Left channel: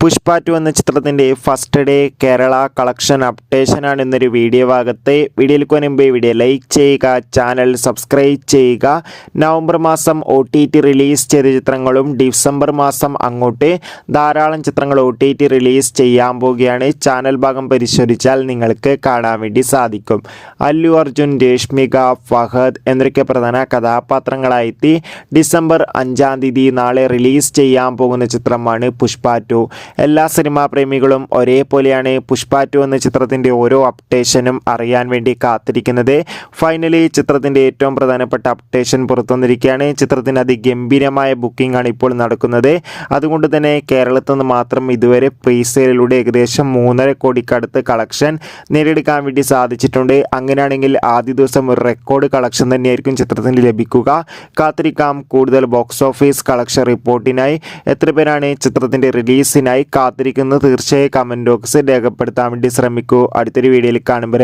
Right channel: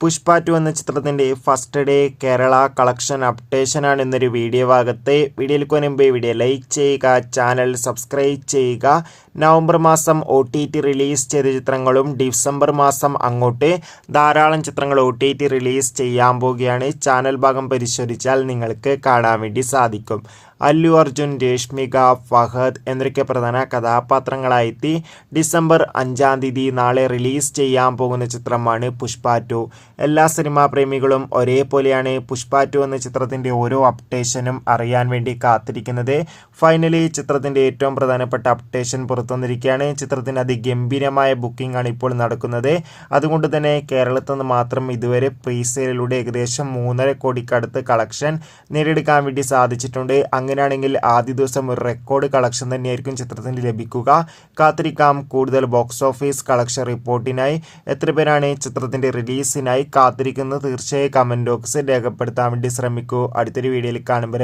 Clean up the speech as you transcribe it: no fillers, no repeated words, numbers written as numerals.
പുഷ്പ 2 എന്ന ചിത്രത്തിൻ്റെ first day Kerala collection അപ്ഡേഷനാണ് ഇന്നൊരു വീഡിയോ ഭാഗത്ത്. വീഡിയോയിലേക്ക് മുൻപ് വീഡിയോ ലൈക്ക് ചെയ്യുക, ചാനൽ സബ്സ്ക്രൈബ് ചെയ്യുക. നവംബർ മാസം OTT റിലീസ് ചെയ്ത ചിത്രങ്ങളും ഡിസംബർ മാസം അങ്ങോട്ട് ധാരാളം ചിത്രങ്ങൾ OTT റിലീസ് ചെയ്യാൻ പോവുകയാണ്. ചാനൽ ഭാഗം പരിശോധിച്ചാൽ നിങ്ങൾക്ക് കാണാൻ വേണ്ടി സാധിക്കും. അല്ലു അർജുൻ, രേഷ്മിക, ഫഹദ് എന്നൊക്കെ പ്രധാന കഥാപാത്രങ്ങളായി ഡിസംബർ 5-ാം തീയതി നാളെ റിലീസ് ചെയ്യാൻ പോകുന്ന ചിത്രമാണ് പുഷ്പ 2. എല്ലാ സിനിമാ പ്രേമികളും ഒരേപോലെയാണ് പുഷ്പ 2 എന്ന ചിത്രത്തിൻ്റെ ഓരോ അപ്ഡേഷനും അറിയാൻ വേണ്ടി കാത്തിരിക്കുന്നത്. ഫൈനലി ചിത്രത്തിൻ്റെ ഏറ്റവും പ്രധാനപ്പെട്ട അപ്ഡേഷൻ പുറത്തുവന്നിരിക്കുകയാണ്. ചിത്രത്തിന് അതിഗംഭീരമായ ബുക്കിംഗ് ആണ് ഇപ്പോൾ നടക്കുന്നത്. അതുകൊണ്ട് തന്നെ കേരളത്തിൽ നിന്ന് മാത്രം ഇതുവരെ പ്രീസെയിലൂടെ ഏകദേശം 3.5 കോടിക്കടുത്ത് കളക്ഷൻ നേടിയെടുക്കാൻ വേണ്ടി സാധിച്ചിട്ടുണ്ട്. അങ്ങനെയാണെങ്കിൽ ആദ്യ ദിവസം ഒരു റെക്കോർഡ് കളക്ഷൻ തന്നെയായിരിക്കും ചിത്രത്തിന് ലഭിക്കുക. കാത്തിരിക്കാം കൂടുതൽ ബോക്സ് ഓഫീസ് കളക്ഷൻ റിപ്പോർട്ടിനായി. എത്ര പേരാണ് ചിത്രത്തിൻ്റെ റിലീസിനായി കാത്തിരിക്കുന്നത്? തീർച്ചയായും കമൻറ്റ് ബോക്സിൽ രേഖപ്പെടുത്താൻ വേണ്ടി ശ്രമിക്കൂ. അടുത്തൊരു വീഡിയോയിൽ കാണുമ്പോൾ